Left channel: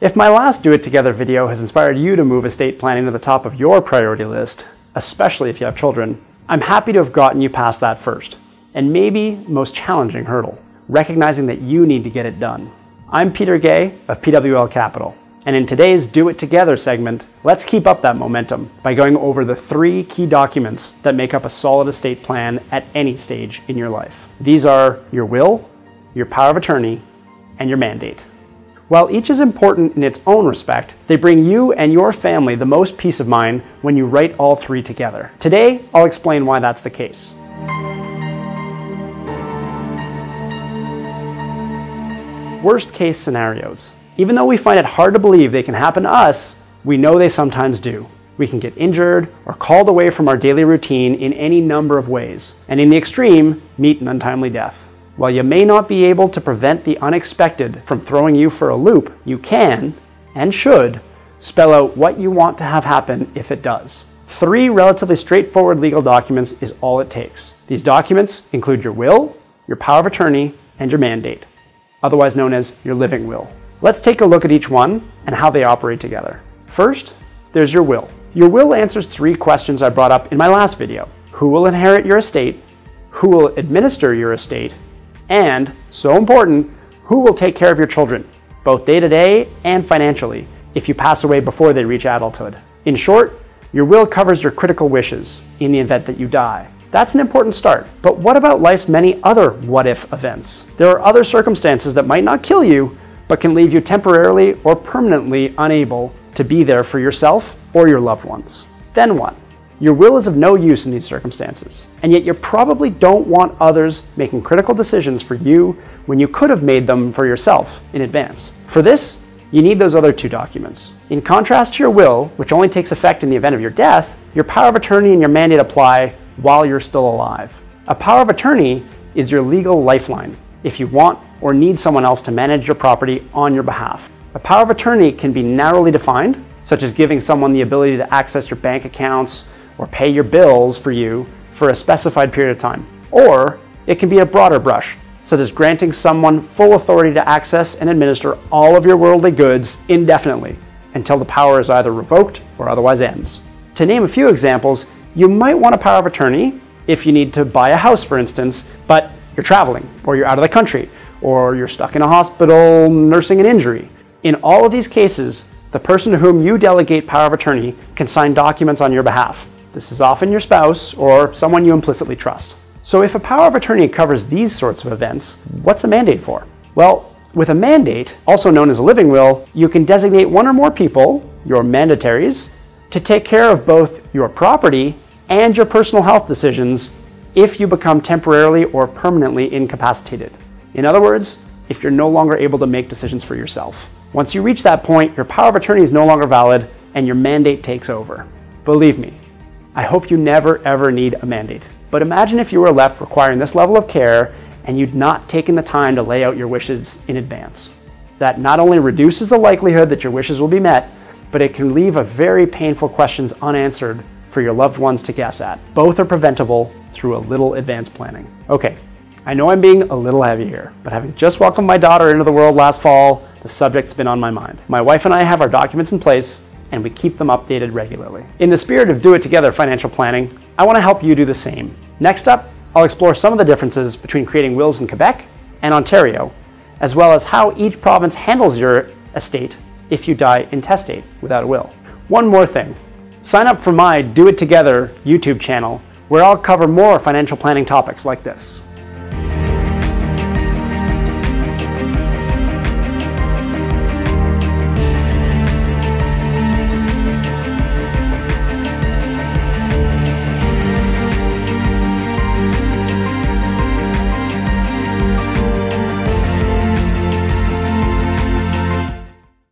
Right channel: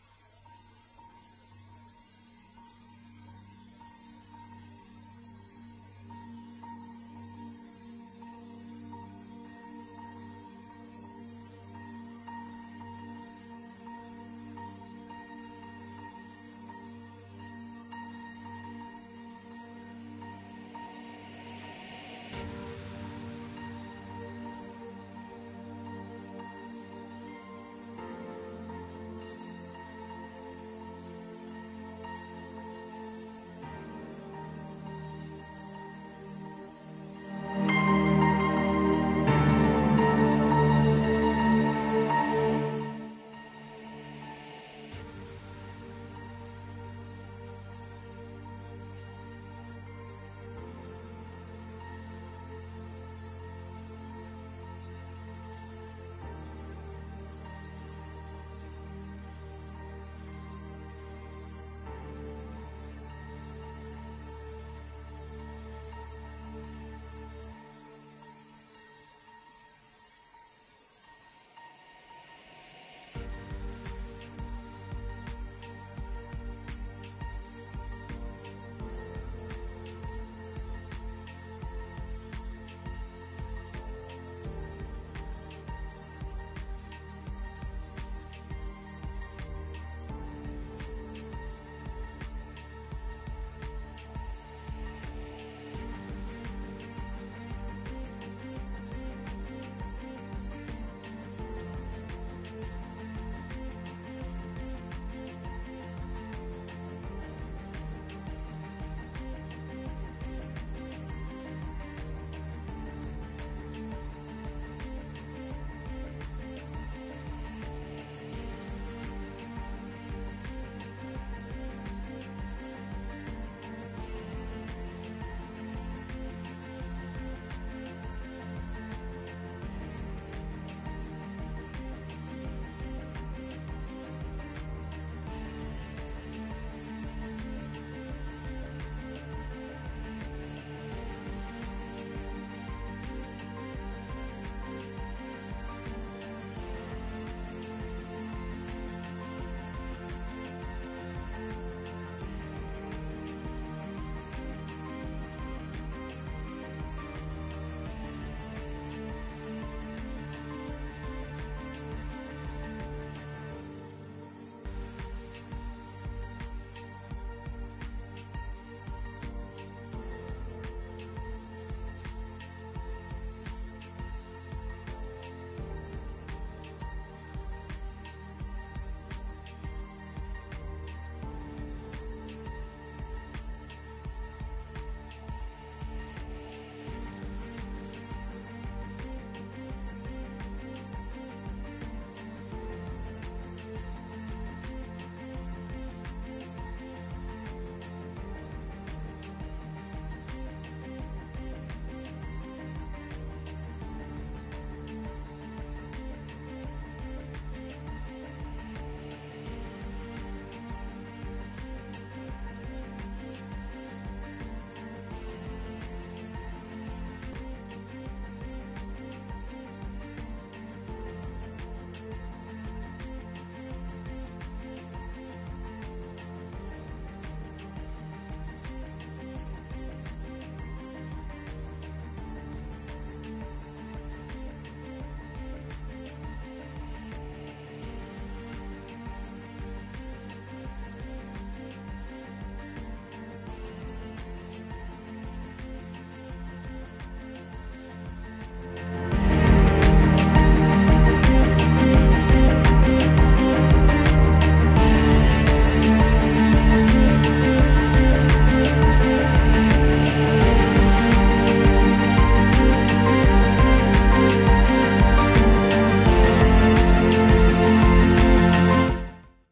If my last Do It Together video has inspired you to move estate planning to the top of your priority list, especially if you have children, I'm happy to have gotten you past that first, and maybe most challenging hurdle, recognizing that you need to get it done. I'm Peter Guay of PWL Capital, and in today's Do It Together segment, let's keep up that momentum by going over the 3 key documents that make up a solid estate plan at any stage in your life. These are your will, your power of attorney, and your mandate. While each is important in its own respect, they bring you and your family the most peace of mind when you write all 3 together. Today, I'll explain why that's the case. Worst case scenarios. Even though we find it hard to believe they can happen to us, we know they sometimes do. We can get injured or called away from our daily routine in any number of ways, and in the extreme, meet an untimely death. While you may not be able to prevent the unexpected from throwing you for a loop, you can, and should, spell out what you want to have happen if it does. 3 relatively straightforward legal documents is all it takes. These documents include your will, your power of attorney, and your mandate, otherwise known as your living will. Let's take a look at each one and how they operate together. First, there's your will. Your will answers 3 questions I brought up in my last video. Who will inherit your estate? Who will administer your estate? And, so important, who will take care of your children, both day-to-day and financially, if you pass away before they reach adulthood. In short, your will covers your critical wishes in the event that you die. That's an important start, but what about life's many other what-if events? There are other circumstances that might not kill you, but can leave you temporarily or permanently unable to be there for yourself or your loved ones. Then what? Your will is of no use in these circumstances, and yet you probably don't want others making critical decisions for you when you could have made them for yourself in advance. For this, you need those other 2 documents. In contrast to your will, which only takes effect in the event of your death, your power of attorney and your mandate apply while you're still alive. A power of attorney is your legal lifeline if you want or need someone else to manage your property on your behalf. A power of attorney can be narrowly defined, such as giving someone the ability to access your bank accounts or pay your bills for you for a specified period of time. Or it can be a broader brush, such as granting someone full authority to access and administer all of your worldly goods indefinitely until the power is either revoked or otherwise ends. To name a few examples, you might want a power of attorney if you need to buy a house, for instance, but you're traveling, or you're out of the country, or you're stuck in a hospital nursing an injury. In all of these cases, the person to whom you delegate power of attorney can sign documents on your behalf. This is often your spouse or someone you implicitly trust. So if a power of attorney covers these sorts of events, what's a mandate for? Well, with a mandate, also known as a living will, you can designate 1 or more people, your mandataries, to take care of both your property and your personal health decisions if you become temporarily or permanently incapacitated. In other words, if you're no longer able to make decisions for yourself. Once you reach that point, your power of attorney is no longer valid and your mandate takes over. Believe me, I hope you never ever need a mandate. But imagine if you were left requiring this level of care and you'd not taken the time to lay out your wishes in advance. That not only reduces the likelihood that your wishes will be met, but it can leave a very painful questions unanswered for your loved ones to guess at. Both are preventable through a little advanced planning. Okay, I know I'm being a little heavy here, but having just welcomed my daughter into the world last fall, the subject's been on my mind. My wife and I have our documents in place, and we keep them updated regularly. In the spirit of Do It Together financial planning, I want to help you do the same. Next up, I'll explore some of the differences between creating wills in Quebec and Ontario, as well as how each province handles your estate if you die intestate without a will. One more thing, sign up for my Do It Together YouTube channel, where I'll cover more financial planning topics like this.